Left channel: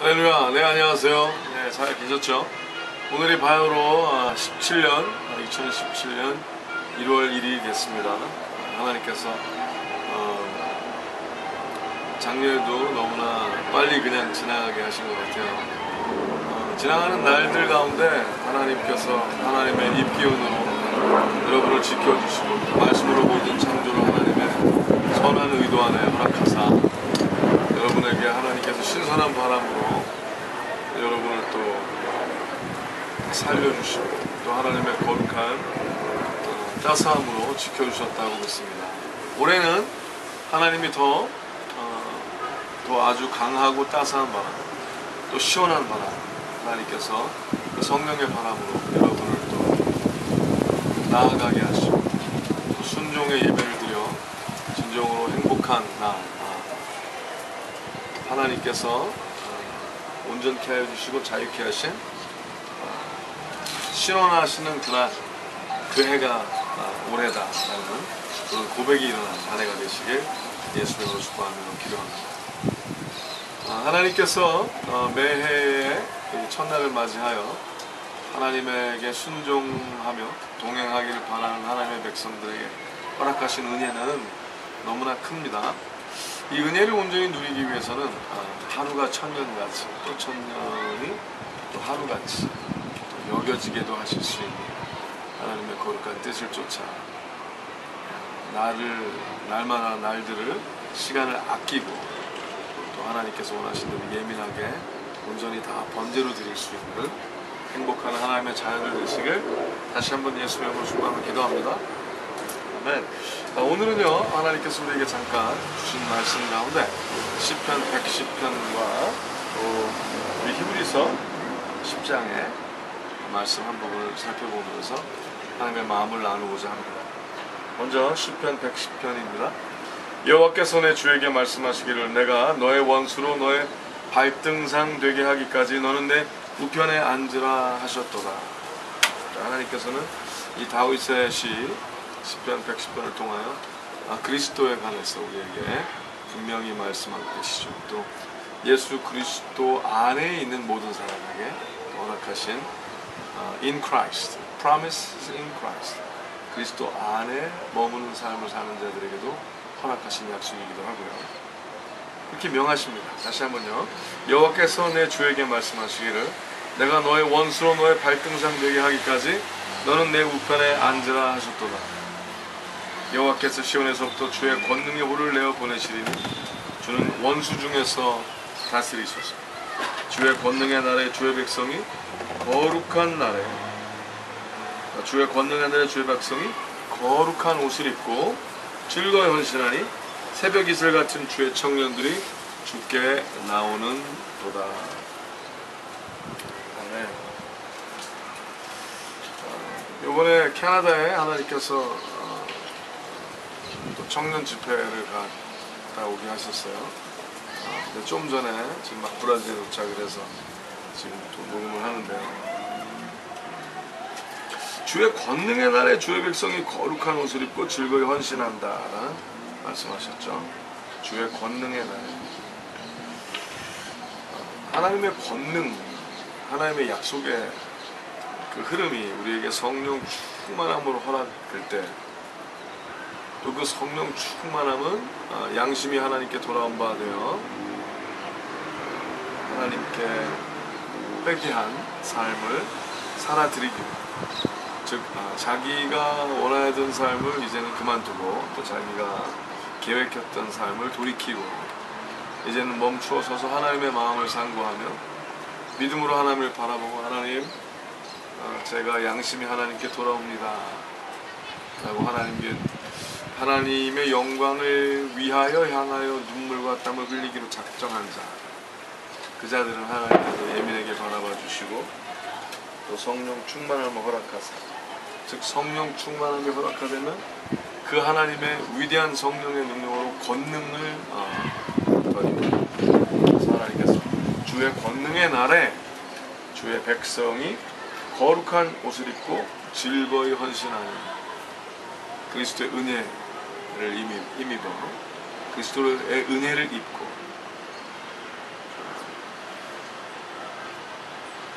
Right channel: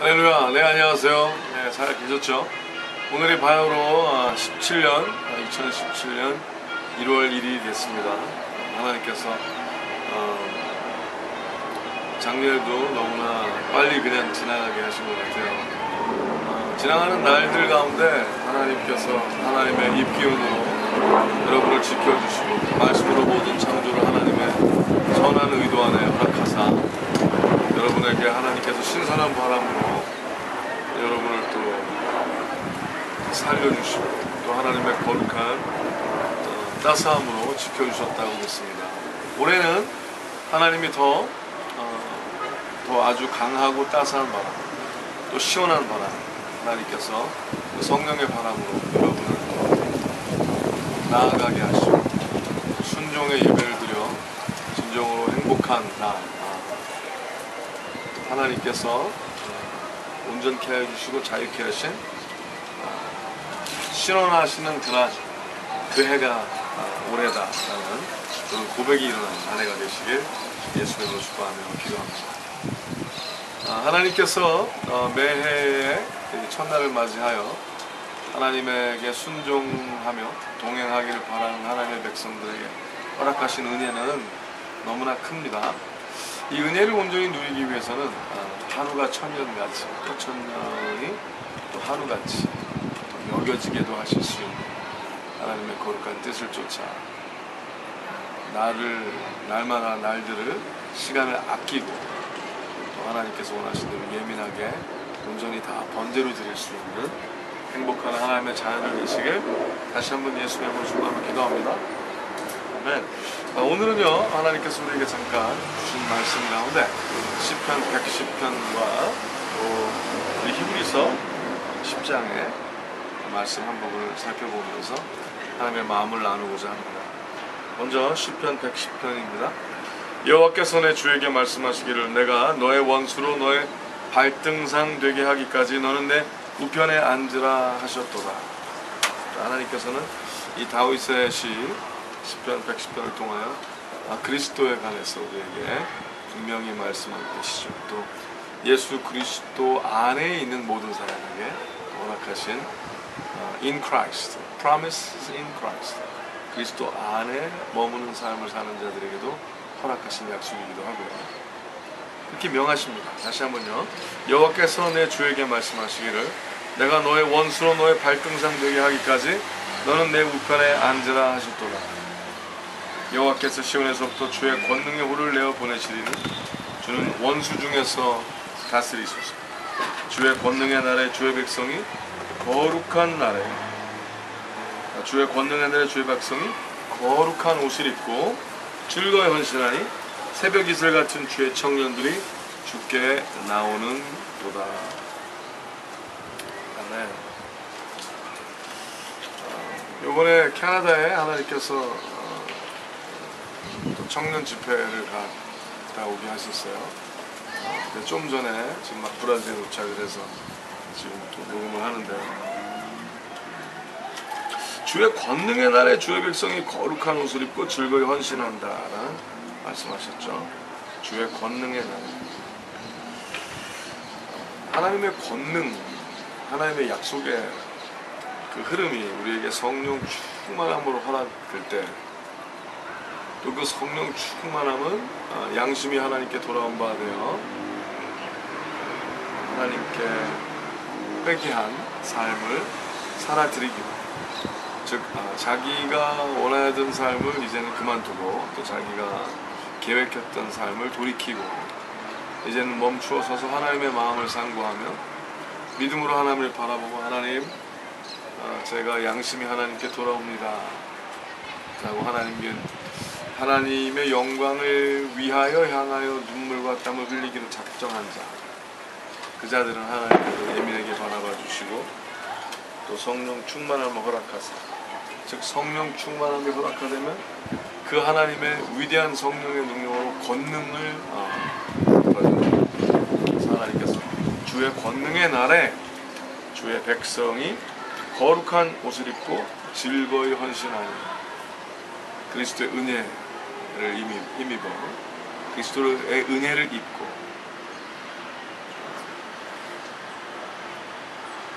할렐루야. 네, 안녕하세요. 네, 잘 계셨죠? 오늘이 바야흐로 2017년 1월 1일이 됐습니다. 하나님께서 작년에도 너무나 빨리 그냥 지나가게 하신 것 같아요. 지나가는 날들 가운데 하나님께서 하나님의 입기운으로 여러분을 지켜주시고 말씀으로 모든 창조를 하나님의 선한 의도 안에 허락하사 여러분에게 하나님께서 신선한 바람으로 여러분을 또 살려주시고 또 하나님의 거룩한 따스함으로 지켜주셨다고 믿습니다. 올해는 하나님이 더 아주 강하고 따스한 바람, 또 시원한 바람, 하나님께서 성령의 바람으로 여러분을 또 나아가게 하시고 또 순종의 예배를 드려 진정으로 행복한 날, 하나님께서 온전케 해주시고 자유케 하신 신원하시는 그날, 그 해가 올해다라는 그런 고백이 일어난 한 해가 되시길 예수님으로 축복하며 기도합니다. 하나님께서 매해의 첫날을 맞이하여 하나님에게 순종하며 동행하기를 바라는 하나님의 백성들에게 허락하신 은혜는 너무나 큽니다. 이 은혜를 온전히 누리기 위해서는 하루가 천년같이 또 천년이 또 하루같이 또 여겨지게도 하실 수 있는 하나님의 거룩한 뜻을 쫓아 날마다 날들을 시간을 아끼고 또 하나님께서 원하신 대로 예민하게 온전히 다 번제로 드릴 수 있는 행복한 하나님의 자녀들 되시길 다시 한번 예수님의 이름으로 축복하며 기도합니다. 아멘. 오늘은요, 하나님께서 우리에게 잠깐 주신 말씀 가운데 시편 110편과 또 우리 히브리서 10장의 말씀 한 부분을 살펴보면서 하나님의 마음을 나누고자 합니다. 먼저 시편 110편입니다. 여호와께서 내 주에게 말씀하시기를 내가 너의 원수로 너의 발등상 되게 하기까지 너는 내 우편에 앉으라 하셨도다. 하나님께서는 이 다윗의 시편 110편을 통하여 그리스도에 관해서 우리에게 분명히 말씀하고 계시죠. 또 예수 그리스도 안에 있는 모든 사람에게 허락하신 in Christ, promises in Christ, 그리스도 안에 머무는 삶을 사는 자들에게도 허락하신 약속이기도 하고요. 그렇게 명하십니다. 다시 한번요. 여호와께서 내 주에게 말씀하시기를 내가 너의 원수로 너의 발등상 되게 하기까지 너는 내 우편에 앉으라 하셨도다. 여호와께서 시온에서부터 주의 권능의 호를 내어 보내시리니 주는 원수 중에서 다스리소서. 주의 권능의 날에 주의 백성이 거룩한 날에 주의 권능의 날에 주의 백성이 거룩한 옷을 입고 즐거이 헌신하니 새벽 이슬 같은 주의 청년들이 주께 나오는 도다. 아멘. 이번에 캐나다에 하나님께서 또 청년 집회를 갔다 오게 하셨어요. 근데 좀 전에 지금 막 브라질에 도착을 해서 지금 또 녹음을 하는데요. 주의 권능의 날에 주의 백성이 거룩한 옷을 입고 즐거이 헌신한다라는 말씀하셨죠. 주의 권능의 날에 하나님의 권능, 하나님의 약속의 그 흐름이 우리에게 성령 충만함으로 허락될 때 또 그 성령 충만함은 양심이 하나님께 돌아온 바 되어 하나님께 회개한 삶을 살아드리기로, 즉 자기가 원하던 삶을 이제는 그만두고 또 자기가 계획했던 삶을 돌이키고 이제는 멈추어 서서 하나님의 마음을 상고하며 믿음으로 하나님을 바라보고 하나님, 제가 양심이 하나님께 돌아옵니다 라고 하나님의 영광을 위하여 향하여 눈물과 땀을 흘리기로 작정한 자, 그 자들은 하나님께서 예민하게 바라봐 주시고 또 성령 충만함을 허락하사, 즉 성령 충만함이 허락하되면 그 하나님의 위대한 성령의 능력으로 권능을 더립니다. 그래서 하나님께서 주의 권능의 날에 주의 백성이 거룩한 옷을 입고 즐거이 헌신하니 그리스도의 은혜를 힘입어 그리스도의 은혜를 입고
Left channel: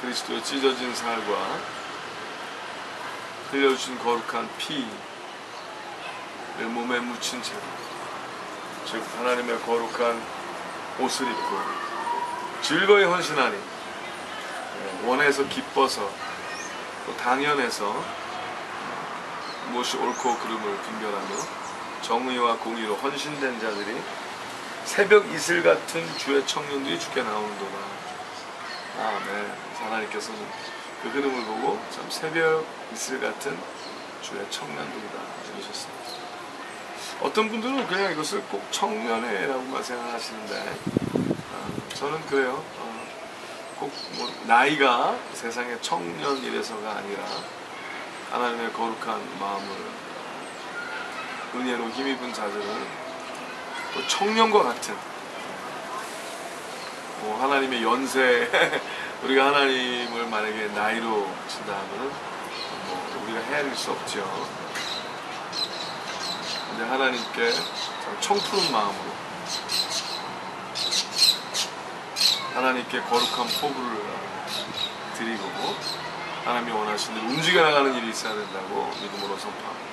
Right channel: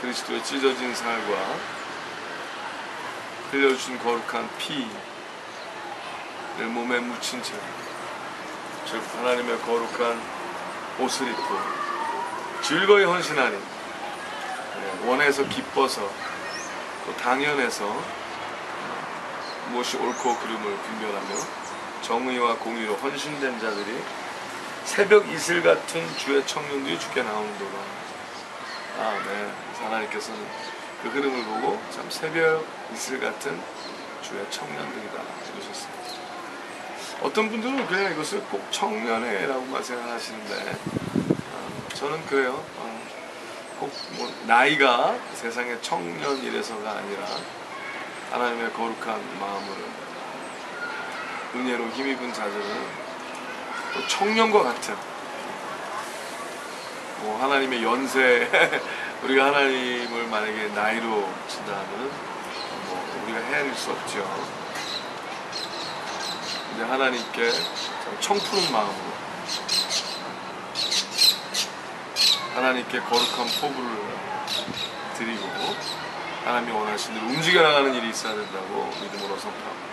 그리스도의 찢어진 살과 흘려주신 거룩한 피를 몸에 묻힌 채, 즉 하나님의 거룩한 옷을 입고 즐거이 헌신하니, 원해서 기뻐서 또 당연해서 무엇이 옳고 그름을 분별하며 정의와 공의로 헌신된 자들이 새벽 이슬 같은 주의 청년들이 주께 나오는도다. 아멘. 하나님께서는 그 흐름을 보고 참 새벽 이슬 같은 주의 청년들이다 이러셨어요. 어떤 분들은 그냥 이것을 꼭 청년회라고만 생각하시는데, 저는 그래요. 꼭 뭐 나이가 세상의 청년이래서가 아니라 하나님의 거룩한 마음을 은혜로 힘입은 자들은 또 청년과 같은, 뭐 하나님의 연세 우리가 하나님을 만약에 나이로 친다면 뭐 우리가 헤아릴 수 없죠. 근데 하나님께 참 청푸른 마음으로 하나님께 거룩한 포부를 드리고 하나님이 원하신 대로 움직여 나가는 일이 있어야 된다고 믿음으로 선포합니다.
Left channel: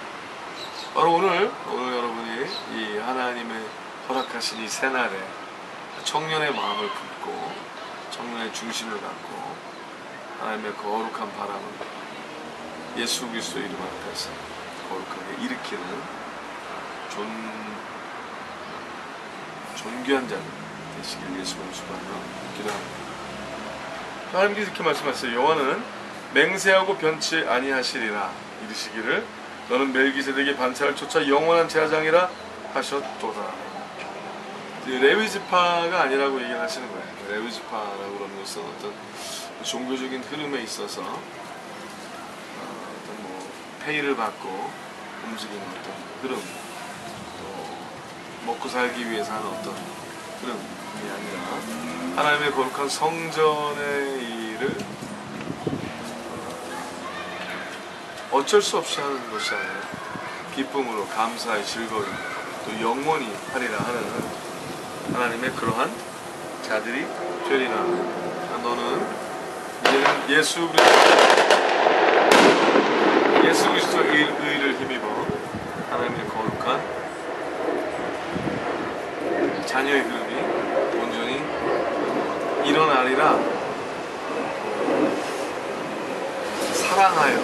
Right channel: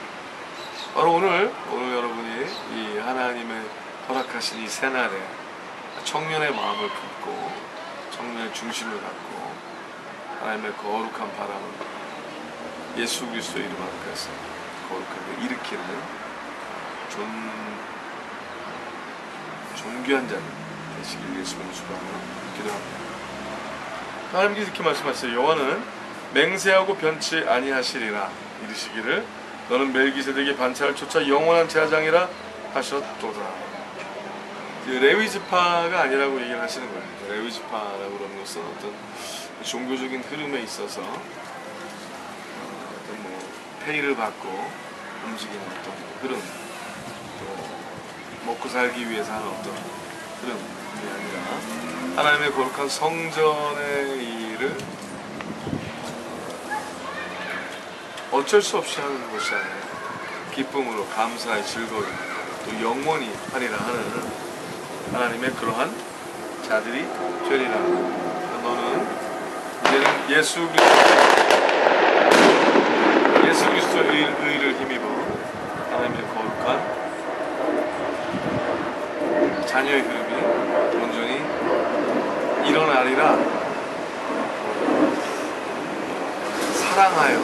바로 오늘 여러분이 이 하나님의 허락하신 이 새날에 청년의 마음을 품고 청년의 중심을 갖고 하나님의 거룩한 바람을 예수 그리스도의 이름 앞에서 거룩하게 일으키는 존귀한 자들 되시길 예수님 수고하며 기도합니다. 하나님께서 이렇게 말씀하셨어요. 여호와는 맹세하고 변치 아니하시리라 이르시기를 너는 멜기세덱의 반차를 쫓아 영원한 제사장이라 하셨도다. 레위지파가 아니라고 얘기를 하시는 거예요. 레위지파라고 그러는 것은 어떤 종교적인 흐름에 있어서 어떤 뭐 페이를 받고 움직이는 어떤 흐름, 또 먹고 살기 위해서 하는 어떤 흐름이 아니라 하나님의 거룩한 성전의 일을 어쩔 수 없이 하는 것이 아니라 기쁨으로 감사의 즐거이 또 영원히 하리라 하는 하나님의 그러한 자들이 되리라. 너는 이제는 예수 그리스도의 의를 힘입어 하나님의 거룩한 자녀의 흐름이 온전히 일어나리라. 사랑하여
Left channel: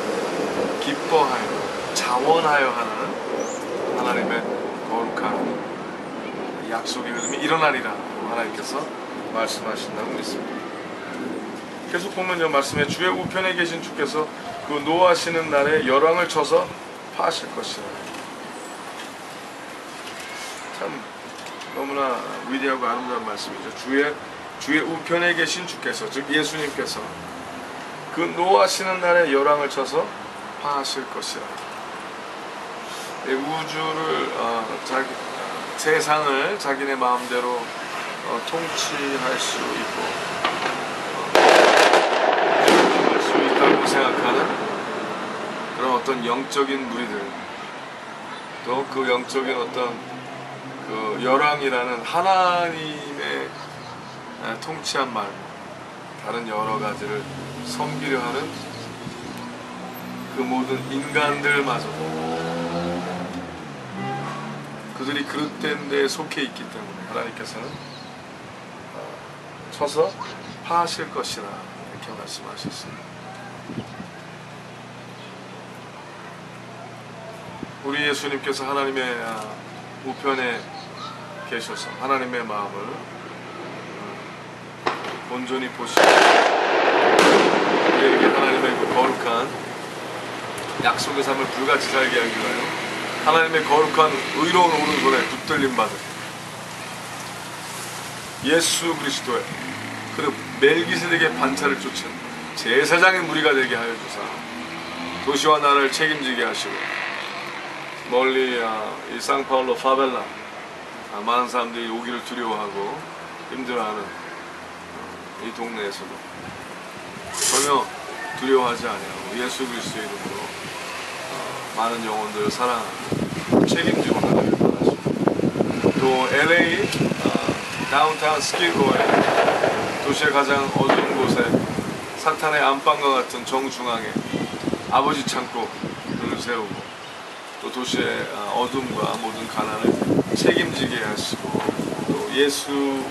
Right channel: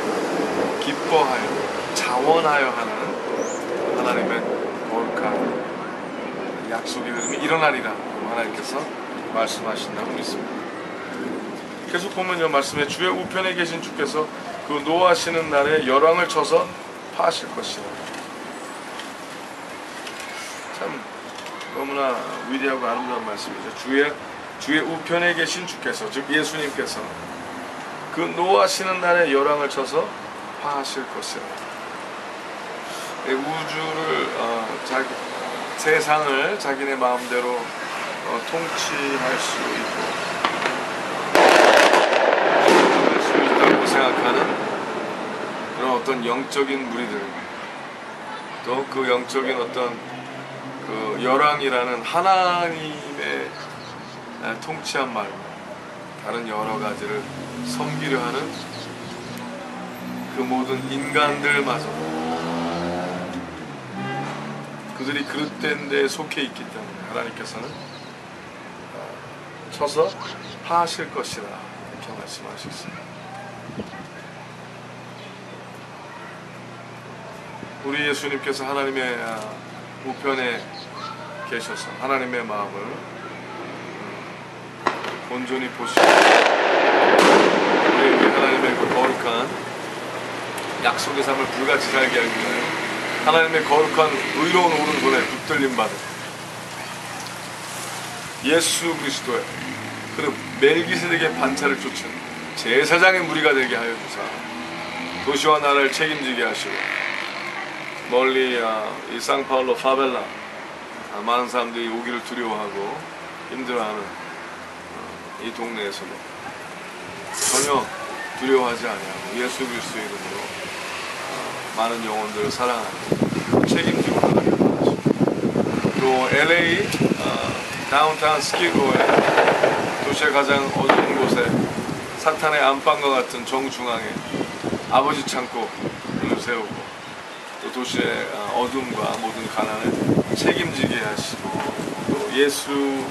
기뻐하여 자원하여 하는 하나님의 거룩한 약속의 흐름이 일어나리라 하나님께서 말씀하신다고 믿습니다. 계속 보면요, 말씀에 주의 우편에 계신 주께서 그 노하시는 날에 열왕을 쳐서 파하실 것이라. 참 너무나 위대하고 아름다운 말씀이죠. 주의 우편에 계신 주께서, 즉 예수님께서 그 노하시는 날에 열왕을 쳐서 파하실 것이라. 우주를 세상을 자기네 마음대로 통치할 수 있고 할 수 있다고 생각하는 그런 어떤 영적인 무리들, 또 그 영적인 어떤 그 열왕이라는 하나님의 통치한 말고 다른 여러 가지를 섬기려 하는 그 모든 인간들마저도 그들이 그릇된 데에 속해 있기 때문에 하나님께서는 쳐서 파하실 것이라 이렇게 말씀하셨습니다. 우리 예수님께서 하나님의 우편에 계셔서 하나님의 마음을 온전히 보시고 우리에게 하나님의 그 거룩한 약속의 삶을 불같이 살게 하기 위하여 하나님의 거룩한 의로운 오른손에 붙들림 받은 예수 그리스도의 그 멜기세덱의 반차를 쫓은 제사장의 무리가 되게 하여 주사 도시와 나라를 책임지게 하시고 멀리 이 상파울로 파벨라 많은 사람들이 오기를 두려워하고 힘들어하는 이 동네에서도 전혀 두려워하지 아니하고 예수 그리스도의 이름으로 많은 영혼들을 사랑하고 책임지고 나가길 원하십니다. 또 LA 다운타운 스킬고에 도시의 가장 어두운 곳에 사탄의 안방과 같은 정중앙에 아버지 창고를 세우고 또 도시의 어둠과 모든 가난을 책임지게 하시고 또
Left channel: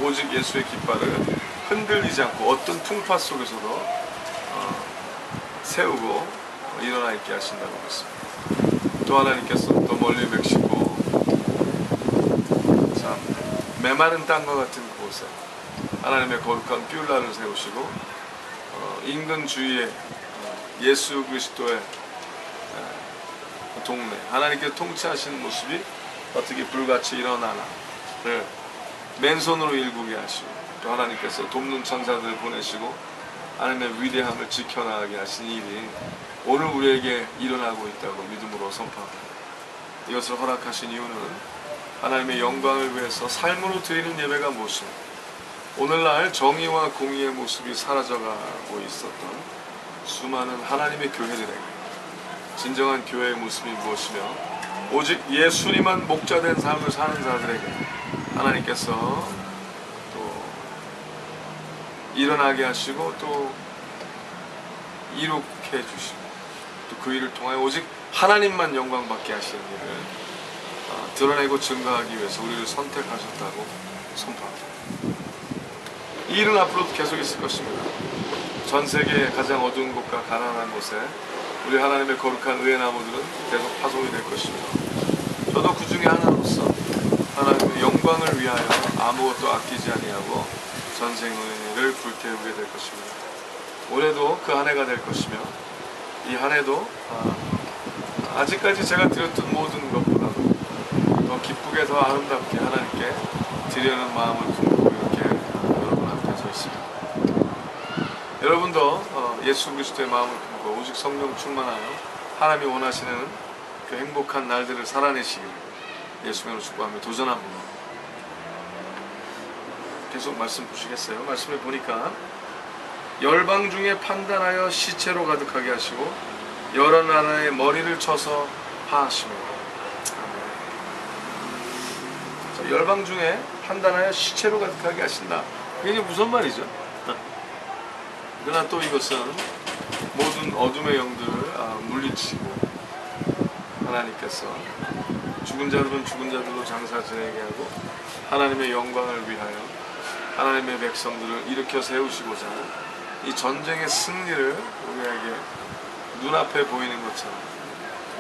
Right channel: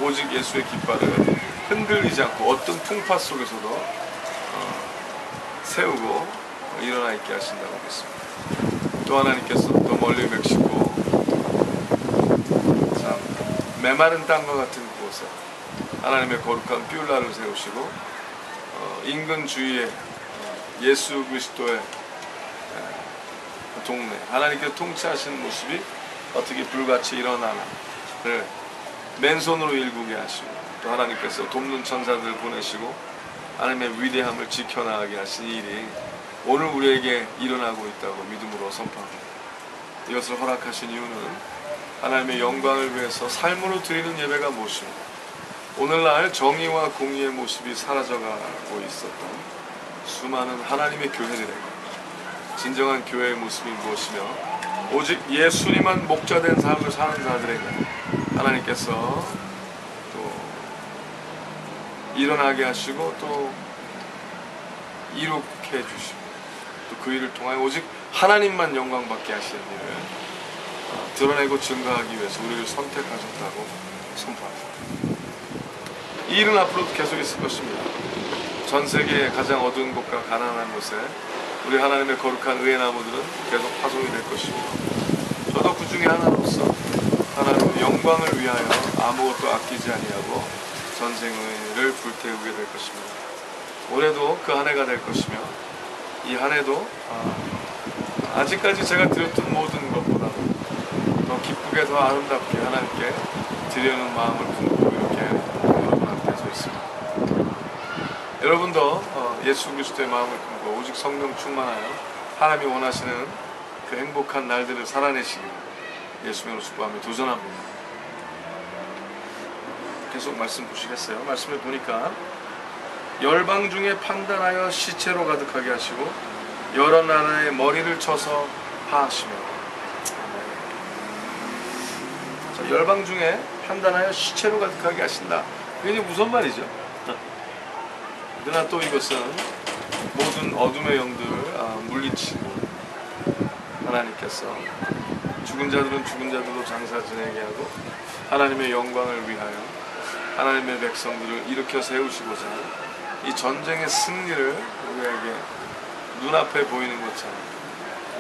오직 예수의 깃발을 흔들리지 않고 어떤 풍파 속에서도 세우고 일어나 있게 하신다고 믿습니다. 또 하나님께서 또 멀리 멕시코 참 메마른 땅과 같은 곳에 하나님의 거룩한 뷸라를 세우시고 인근 주위에 예수 그리스도의 동네 하나님께서 통치하시는 모습이 어떻게 불같이 일어나나를 맨손으로 일구게 하시고 또 하나님께서 돕는 천사들을 보내시고 하나님의 위대함을 지켜나가게 하신 일이 오늘 우리에게 일어나고 있다고 믿음으로 선포합니다. 이것을 허락하신 이유는 하나님의 영광을 위해서 삶으로 드리는 예배가 무엇입니까? 오늘날 정의와 공의의 모습이 사라져가고 있었던 수많은 하나님의 교회들에게 진정한 교회의 모습이 무엇이며 오직 예수님만 목자된 삶을 사는 자들에게 하나님께서 또 일어나게 하시고 또 이룩해 주시고 또 그 일을 통하여 오직 하나님만 영광받게 하시는 일을 드러내고 증거하기 위해서 우리를 선택하셨다고 선포합니다. 이 일은 앞으로도 계속 있을 것입니다. 전 세계의 가장 어두운 곳과 가난한 곳에 우리 하나님의 거룩한 의의 나무들은 계속 파송이 될 것입니다. 저도 그 중에 하나로서 하나님의 영광을 위하여 아무것도 아끼지 아니하고 전생의를 불태우게 될 것입니다. 올해도 그 한 해가 될 것이며 이 한 해도 아직까지 제가 드렸던 모든 것보다도 더 기쁘게 더 아름답게 하나님께 드리려는 마음을 품고 이렇게 여러분 앞에 서 있습니다. 여러분도 예수 그리스도의 마음을 품고 오직 성령 충만하여 하나님이 원하시는 그 행복한 날들을 살아내시기를 예수님으로 축복하며 도전합니다. 계속 말씀 보시겠어요? 말씀을 보니까 열방 중에 판단하여 시체로 가득하게 하시고 여러 나라의 머리를 쳐서 파하시며. 자, 열방 중에 판단하여 시체로 가득하게 하신다. 이게 무슨 말이죠? 그러나 또 이것은 모든 어둠의 영들을 물리치고 하나님께서 죽은 자들은 죽은 자들로 장사 지내게 하고 하나님의 영광을 위하여 하나님의 백성들을 일으켜 세우시고자 이 전쟁의 승리를 우리에게 눈앞에 보이는 것처럼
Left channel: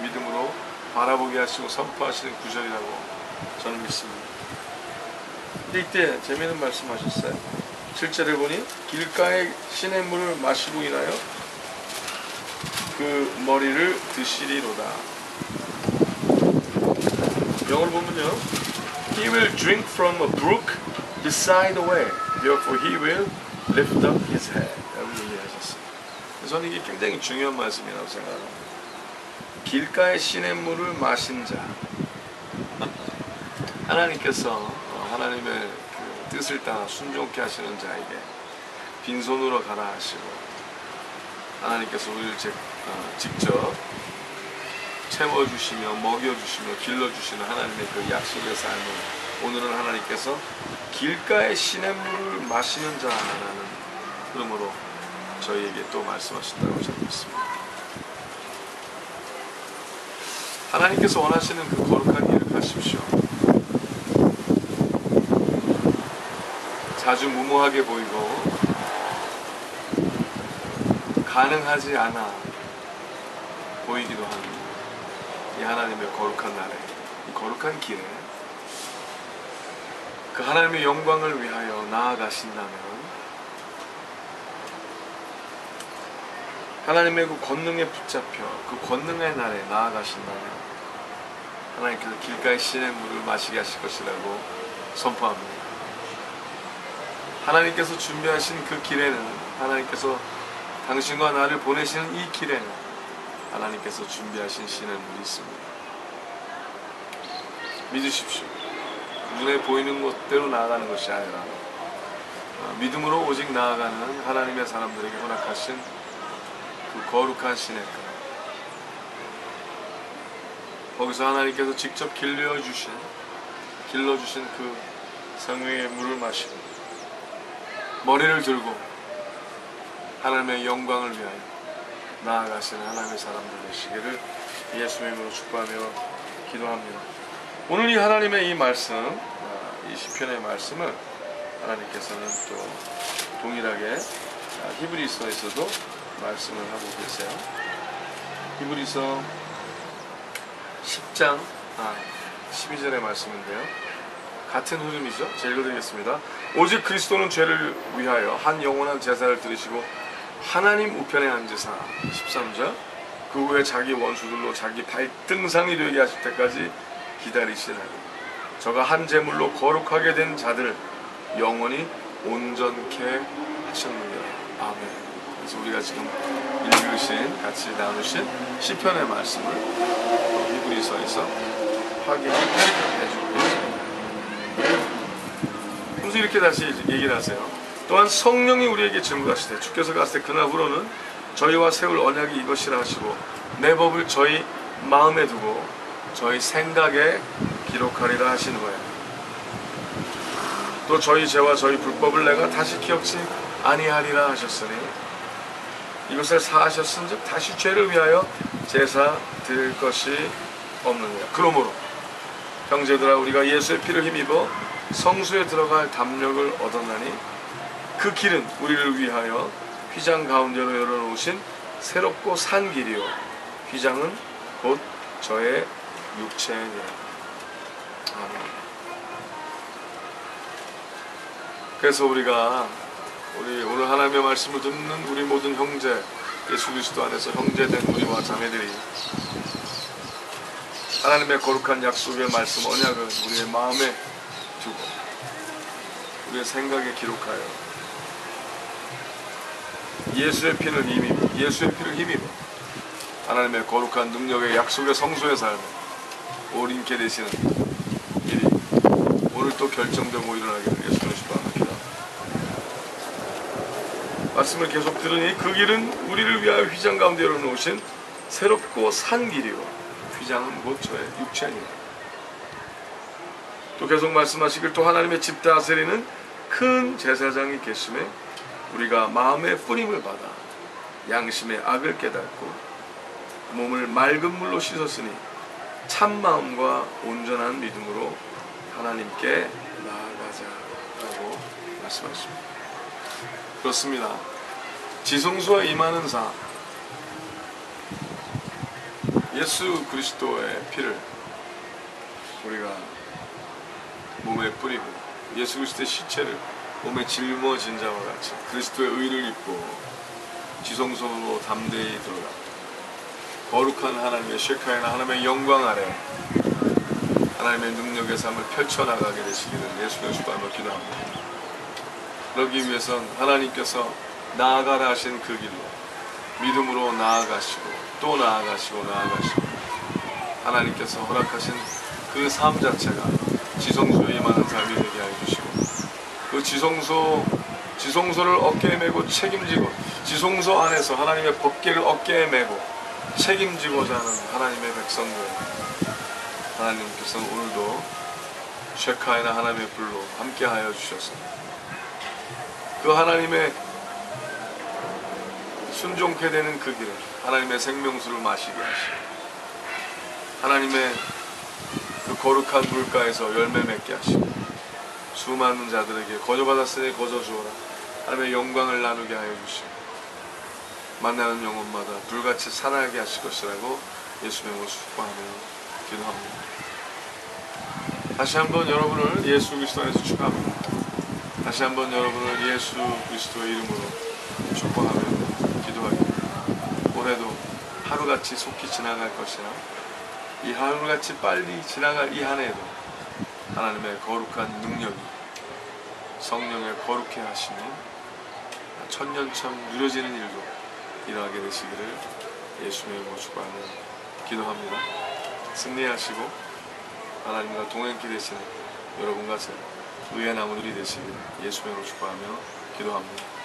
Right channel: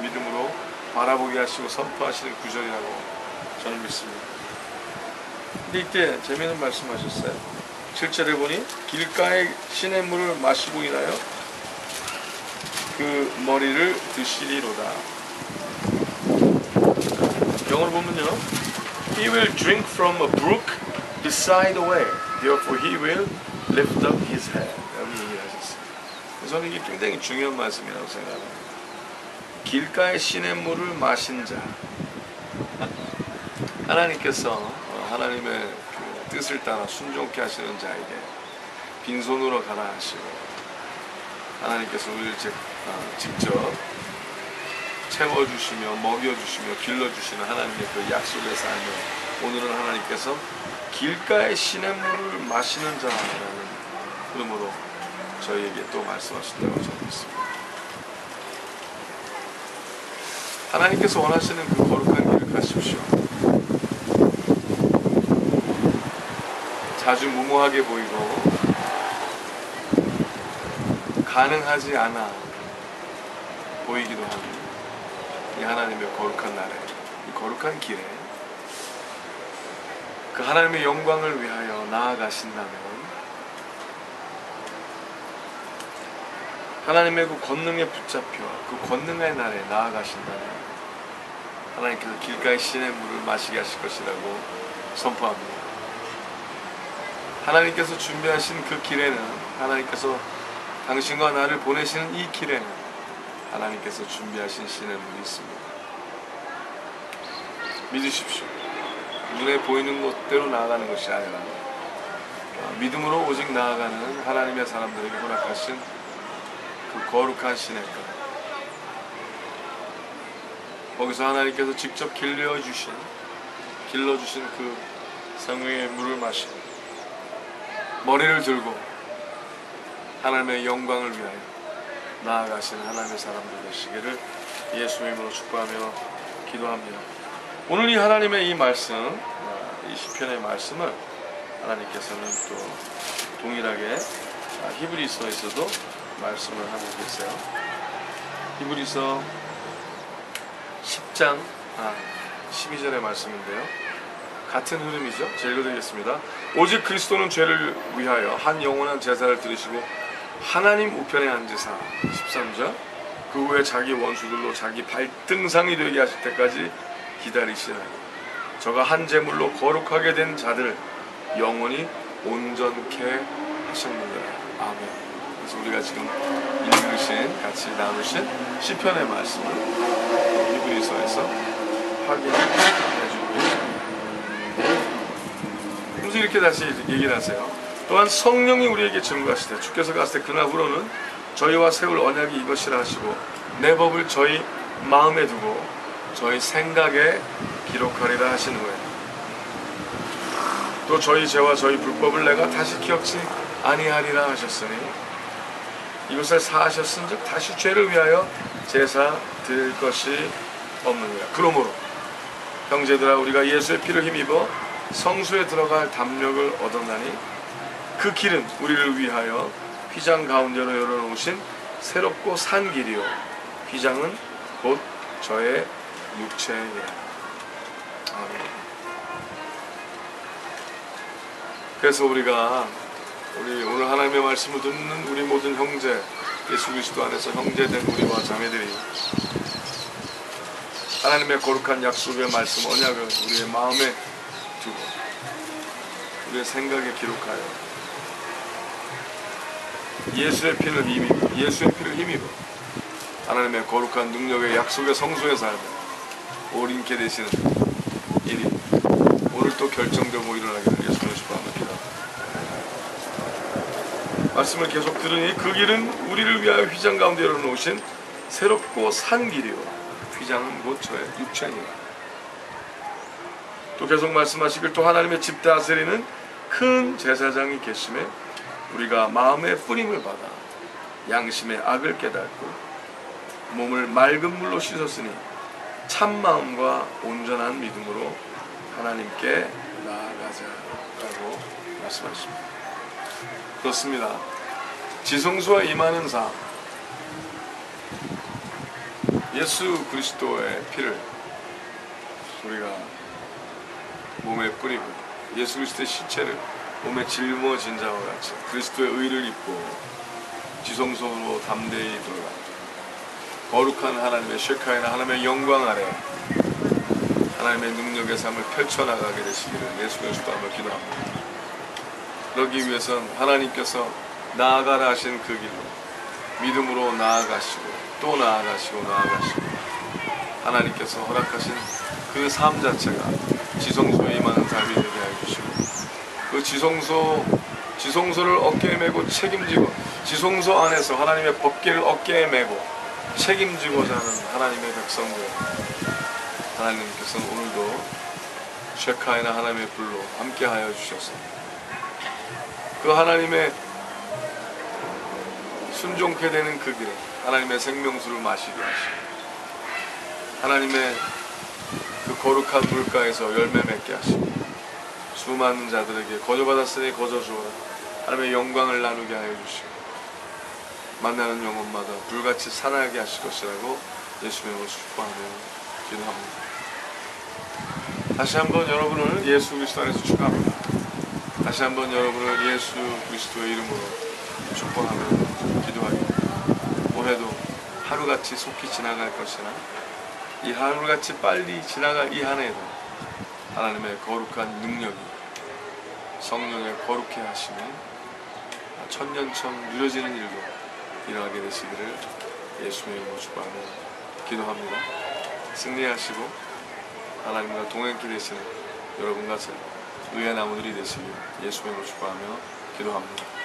믿음으로 바라보게 하시고 선포하시는 구절이라고 저는 믿습니다. 근데 이때 재미있는 말씀하셨어요. 7절에 보니 길가의 시냇물을 마시고 인하여 그 머리를 드시리로다. 영어로 보면요, He will drink from a brook beside the way, therefore he will lift up his head. 라고 얘기하셨어요. 저는 이게 굉장히 중요한 말씀이라고 생각합니다. 길가의 시냇물을 마신 자, 하나님께서 하나님의 그 뜻을 따라 순종케 하시는 자에게 빈손으로 가라 하시고 하나님께서 우리를 직접 채워주시며 먹여주시며 길러주시는 하나님의 그 약속의 삶을 오늘은 하나님께서 길가의 시냇물을 마시는 자라는 흐름으로 저희에게 또 말씀하셨다고 저는 믿습니다. 하나님께서 원하시는 그 거룩한 길을 가십시오. 자주 무모하게 보이고 가능하지 않아 보이기도 하는 이 하나님의 거룩한 날에, 이 거룩한 길에 그 하나님의 영광을 위하여 나아가신다면 하나님의 그 권능에 붙잡혀 그 권능의 날에 나아가신다면 하나님께서 길가의 시냇물을 마시게 하실 것이라고 선포합니다. 하나님께서 준비하신 그 길에는, 하나님께서 당신과 나를 보내시는 이 길에는 하나님께서 준비하신 시냇물이 있습니다. 믿으십시오. 눈에 보이는 것대로 나아가는 것이 아니라 믿음으로 오직 나아가는 하나님의 사람들에게 허락하신 그 거룩한 시냇가, 거기서 하나님께서 직접 길러주신 그 성령의 물을 마시고 머리를 들고 하나님의 영광을 위하여 나아가시는 하나님의 사람들 되시기를 예수님의 이름으로 축복하며 기도합니다. 오늘 이 하나님의 이 말씀, 이 시편의 말씀을 하나님께서는 또 동일하게 히브리서에서도 말씀을 하고 계세요. 히브리서 10장 12절의 말씀인데요, 같은 흐름이죠. 제가 읽어드리겠습니다. 오직 그리스도는 죄를 위하여 한 영원한 제사를 드리시고 하나님 우편에 앉으사, 13절, 그 후에 자기 원수들로 자기 발등상이 되게 하실 때까지 기다리시나니 저가 한 제물로 거룩하게 된 자들을 영원히 온전케 하셨느니라. 아멘. 그래서 우리가 지금 읽으신, 같이 나누신 시편의 말씀을 히브리서에서 확인을 해주고 계십니다. 그래서 이렇게 다시 얘기를 하세요. 또한 성령이 우리에게 증거하시되 주께서 가시되 그날 후로는 저희와 세울 언약이 이것이라 하시고 내 법을 저희 마음에 두고 저희 생각에 기록하리라 하신 후에 또 저희 죄와 저희 불법을 내가 다시 기억지 아니하리라 하셨으니 이것을 사하셨은즉 다시 죄를 위하여 제사 드릴 것이 없느니라. 그러므로 형제들아, 우리가 예수의 피를 힘입어 성소에 들어갈 담력을 얻었나니 그 길은 우리를 위하여 휘장 가운데로 열어놓으신 새롭고 산 길이요 휘장은 곧 저의 육체니라. 아멘. 그래서 우리가 오늘 하나님의 말씀을 듣는 우리 모든 형제, 예수 그리스도 안에서 형제된 우리와 자매들이 하나님의 거룩한 약속의 말씀, 언약을 우리의 마음에 두고 우리의 생각에 기록하여 예수의 피를 힘입어 하나님의 거룩한 능력의 약속의 성소의 삶에 옳인케 되시는 일이 오늘 또 결정되고 일어나기를 예수님의 축복하며 기도합니다. 말씀을 계속 들으니 그 길은 우리를 위하여 휘장 가운데 열어놓으신 새롭고 산 길이요 휘장은 곧 저의 육체니라. 또 계속 말씀하시길 또 하나님의 집 다스리는 큰 제사장이 계심에 우리가 마음의 뿌림을 받아 양심의 악을 깨닫고 몸을 맑은 물로 씻었으니 참 마음과 온전한 믿음으로 하나님께 나아가자라고 말씀하십니다. 그렇습니다. 지성소에 임하는 삶, 예수 그리스도의 피를 우리가 몸에 뿌리고 예수 그리스도의 시체를 몸에 짊어진 자와 같이 그리스도의 의를 입고 지성소로 담대히 들어가 거룩한 하나님의 쉐카이나 하나님의 영광 아래 하나님의 능력의 삶을 펼쳐나가게 되시기를 예수님의 축복하며 기도합니다. 그러기 위해선 하나님께서 나아가라 하신 그 길로 믿음으로 나아가시고 또 나아가시고 하나님께서 허락하신 그 삶 자체가 지성소에 임하는 삶이 되게 하여 주시고 그 지성소를 어깨에 메고 책임지고 지성소 안에서 하나님의 법궤를 어깨에 메고 책임지고자 하는 하나님의 백성들, 하나님께서는 오늘도 쉐카이나 하나님의 불로 함께하여 주셔서 그 하나님의 순종케 되는 그 길에 하나님의 생명수를 마시게 하시고 하나님의 그 거룩한 물가에서 열매 맺게 하시고 수많은 자들에게 거저받았으니 거저주어라 하나님의 영광을 나누게 하여 주시고 만나는 영혼마다 불같이 살아나게 하실 것이라고 예수님의 이름으로 축복하며 기도합니다. 다시 한번 여러분을 예수 그리스도 안에서 축복합니다. 다시 한번 여러분을 예수 그리스도의 이름으로 축복하며 기도하기를 올해도 하루같이 속히 지나갈 것이나 이 하루같이 빨리 지나갈 이 한 해에도 하나님의 거룩한 능력이 성령의 거룩해 하심이 천년처럼 누려지는 일도 일어나게 되시기를 예수님의 이름으로 축복하며 기도합니다. 승리하시고 하나님과 동행케 되시는 여러분과 제 의의 나무들이 되시길 예수님의 이름으로 축복하며 기도합니다.